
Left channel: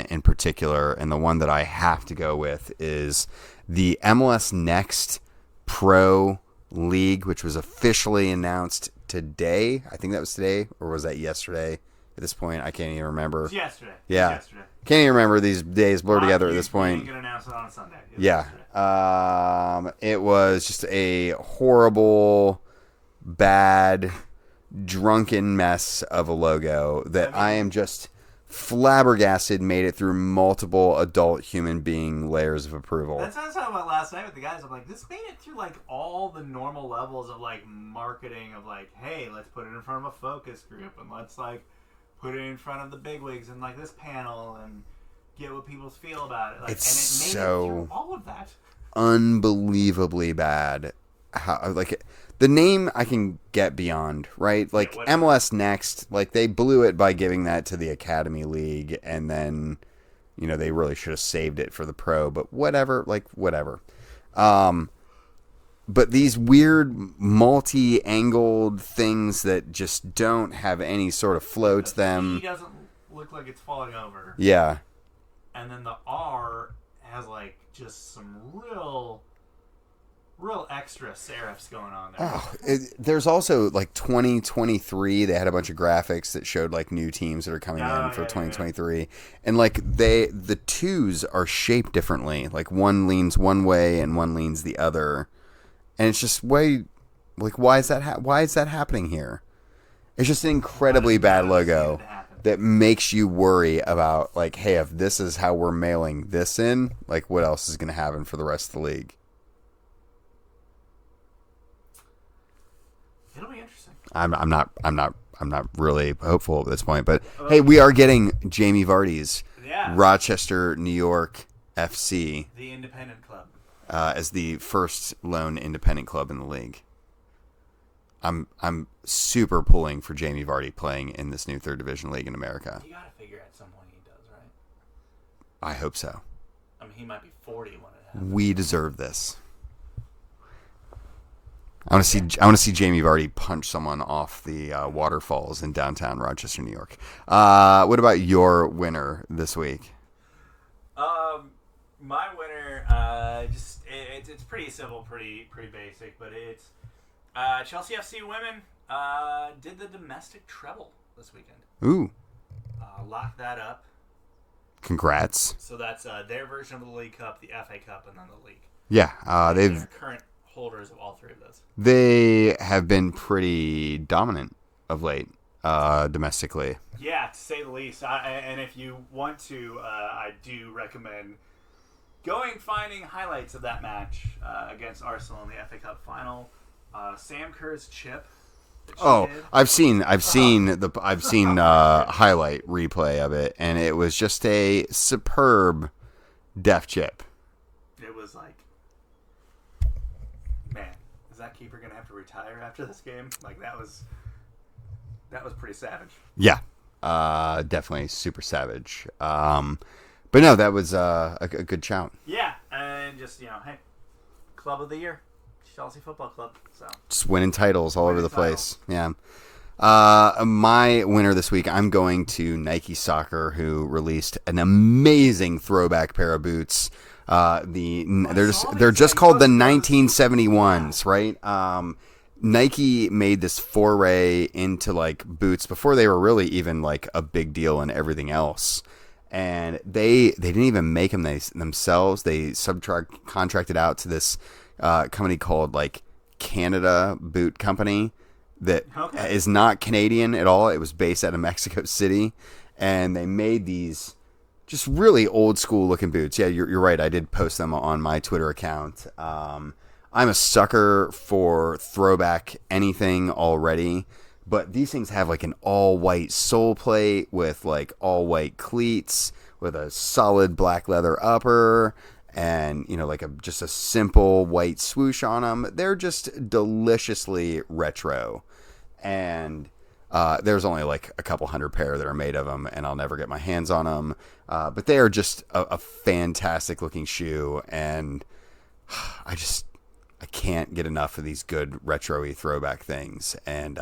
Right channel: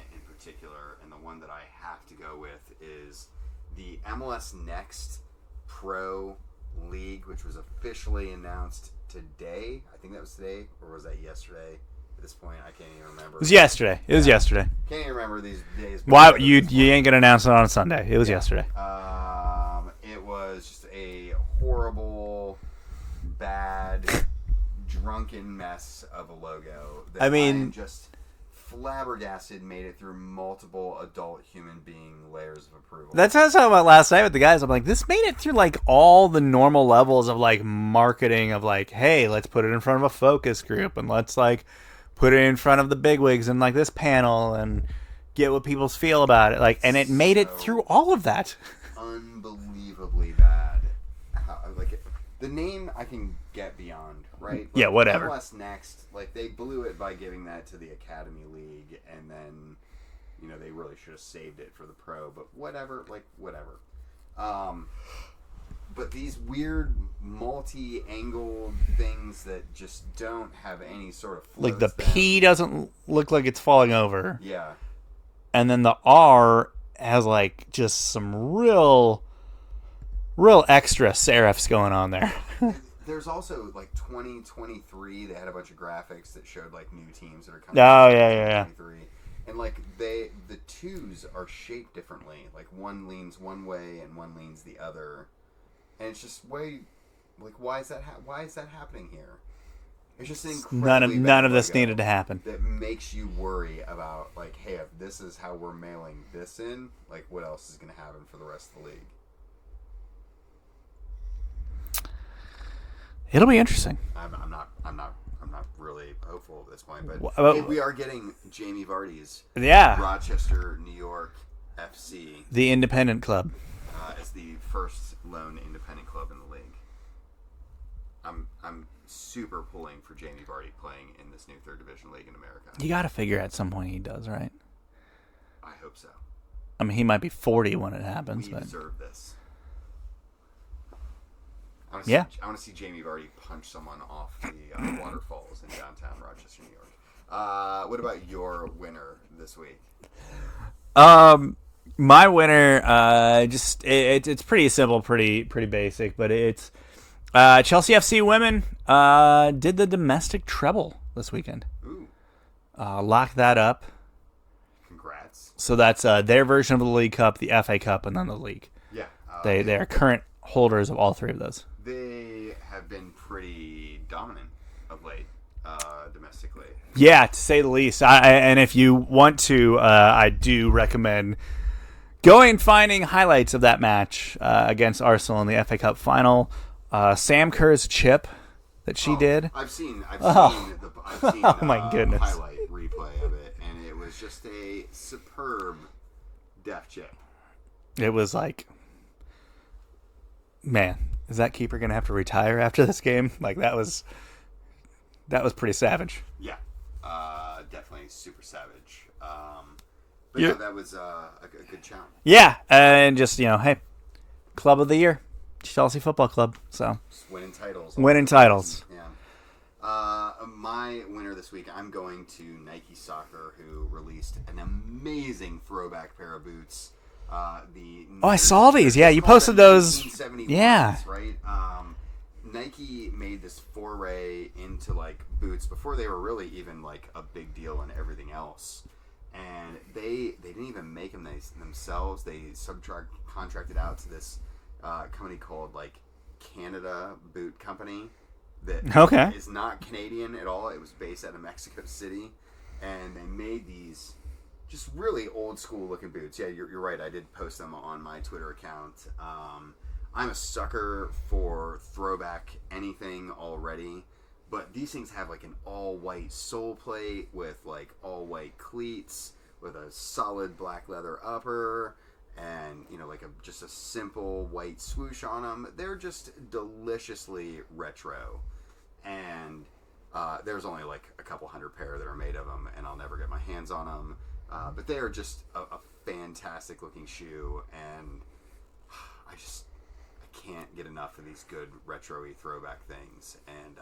in particular, and the one that I have to go with is the MLS Next Pro League, which was officially announced today. I think that was today, or was that yesterday? At this point, I can't even remember. It was yesterday. It was yesterday. Can't even remember these days. Why you ain't gonna announce it on a Sunday? It was yesterday. It was just a horrible, bad, drunken mess of a logo that I am just flabbergasted made it through multiple adult human being layers of approval. That's what I was talking about last night with the guys. I'm like, this made it through like all the normal levels of like marketing of like, hey, let's put it in front of a focus group and let's like put it in front of the bigwigs and like this panel and get what people feel about it. Like, and it made it through all of that. Unbelievably bad. The name I can get beyond, right? Like MLS Next, like they blew it by giving that to the Academy League, and then, they really should have saved it for the Pro, but whatever. But these weird multi-angled things that just don't have any sort of flow to them. The P doesn't look like it's falling over. Yeah. And then the R has like just some real extra serifs going on there. There's also like 2023. They had a bunch of graphics that showed like new teams that are coming out for 2023, and like the twos are shaped differently. Like one leans one way and one leans the other, and it's just why is that? Why is that happening here? It's just an incredibly bad logo. None of this needed to happen. That makes you worry about like, hey, if this is how we're mailing this in, like what else is going to happen for the rest of the league? It'll be interesting. I'm not really hopeful at this point, but hey, we are getting Jamie Vardy's Rochester, New York FC, the independent club, as the first lone independent club in the league. I'm super pulling for Jamie Vardy playing in this new third division league in America. You got to figure at some point he does, right? I hope so. I mean, he might be 40 when it happens. We deserve this. I want to see Jamie Vardy punch someone off the waterfalls in downtown Rochester, New York. What about your winner this week? My winner, it's pretty simple, pretty basic, but it's Chelsea FC women did the domestic treble this weekend. Ooh, locked that up. Congrats. So that's their version of the League Cup, the FA Cup, and then the league. Yeah, they're current holders of all three of those. They have been pretty dominant of late, domestically. Yeah, to say the least. And if you want to, I do recommend going and finding highlights of that match against Arsenal in the FA Cup final. Sam Kerr's chip that she did. I've seen highlight replay of it, and it was just a superb deft chip. It was like, man, is that keeper gonna have to retire after this game? Like that was pretty savage. Yeah, definitely super savage. But no, that was a good shout. Yeah, and just hey, club of the year, Chelsea Football Club. So just winning titles, all over the place. Yeah. My winner this week, I'm going to Nike Soccer, who released an amazing throwback pair of boots I saw these. They're just you called the posted those. 1971s, right? Nike made this foray into like boots before they were really even like a big deal in everything else. And they didn't even make them themselves. They contracted out to this company called like Canada Boot Company that is not Canadian at all. It was based out of Mexico City, and they made these just really old school looking boots. Yeah, you're right. I did post them on my Twitter account. I'm a sucker for throwback anything already, but these things have like an all white sole plate with like all white cleats with a solid black leather upper and, you know, like just a simple white swoosh on them. They're just deliciously retro. And there's only like a couple hundred pair that are made of them, and I'll never get my hands on them. But they are just a fantastic looking shoe, and I can't get enough of these good retro-y throwback things. And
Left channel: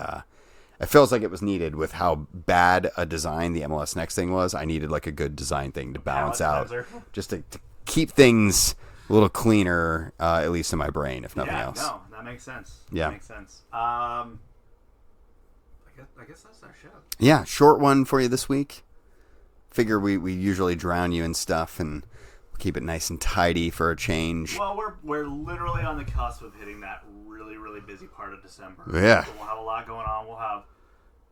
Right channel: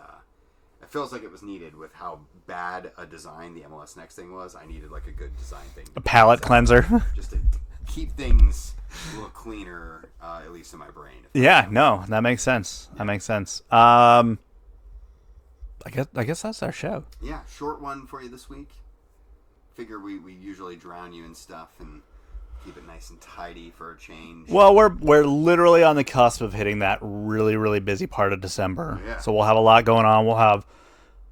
it feels like it was needed with how bad a design the MLS Next thing was. I needed like a good design thing to a palette cleanser, just to keep things a little cleaner, at least in my brain. If else. No, that makes sense. Yeah. That makes sense. I guess that's our show. Yeah, short one for you this week. Figure we usually drown you in stuff and keep it nice and tidy for a change. Well, we're literally on the cusp of hitting that really, really busy part of December. Yeah. So we'll have a lot going on.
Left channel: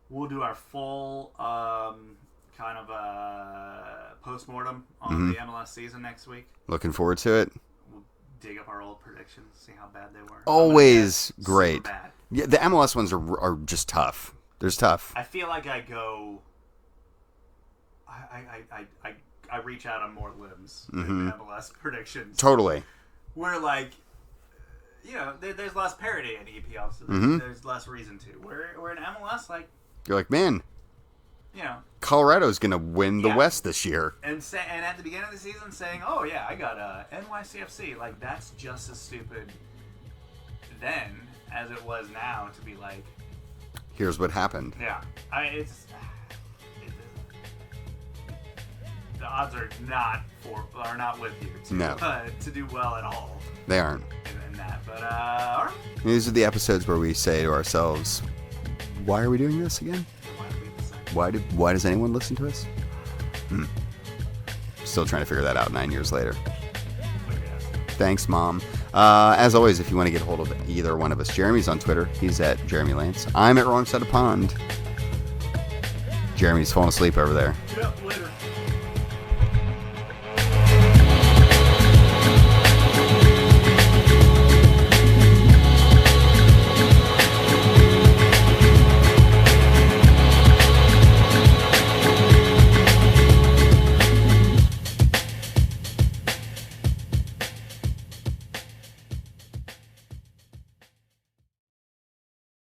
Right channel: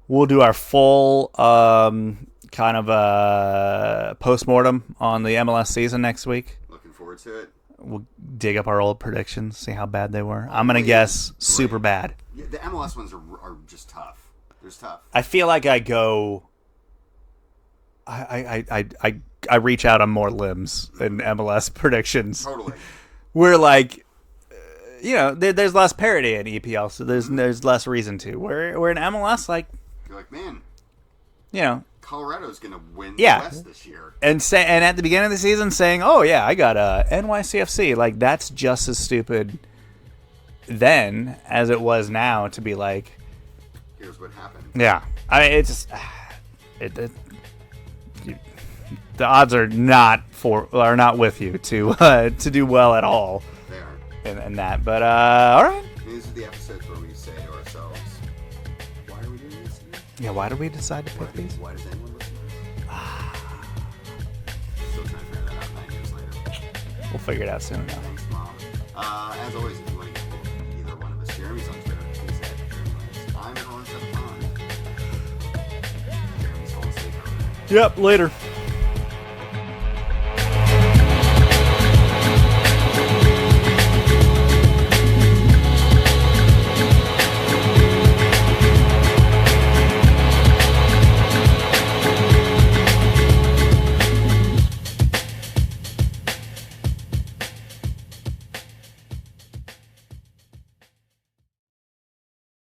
We'll do our full kind of postmortem on the MLS season next week. Looking forward to it. We'll dig up our old predictions, see how bad they were. Always I'm gonna guess great. super bad. Yeah, the MLS ones are just tough. They're tough. I feel like I go. I reach out on more limbs than MLS predictions. Totally. We're like, you know, there's less parity in EPL, so there's less reason to. We're in MLS, like, you're like, man, you know, Colorado's gonna win the West this year, and at the beginning of the season saying, oh yeah, I got a NYCFC, like that's just as stupid then as it was now to be like, here's what happened. Yeah, it's just the odds are not with you to do well at all. They aren't in that, but all right. These are the episodes where we say to ourselves, why are we doing this again? Yeah, why do we decide? Why does anyone listen to us? Still trying to figure that out 9 years later. We'll figure it out soon. Thanks, Mom. As always, if you want to get hold of either one of us, Jeremy's on Twitter. He's at Jeremy Lance. I'm at Wrong Side of Pond. Jeremy's falling asleep over there. Yep, later.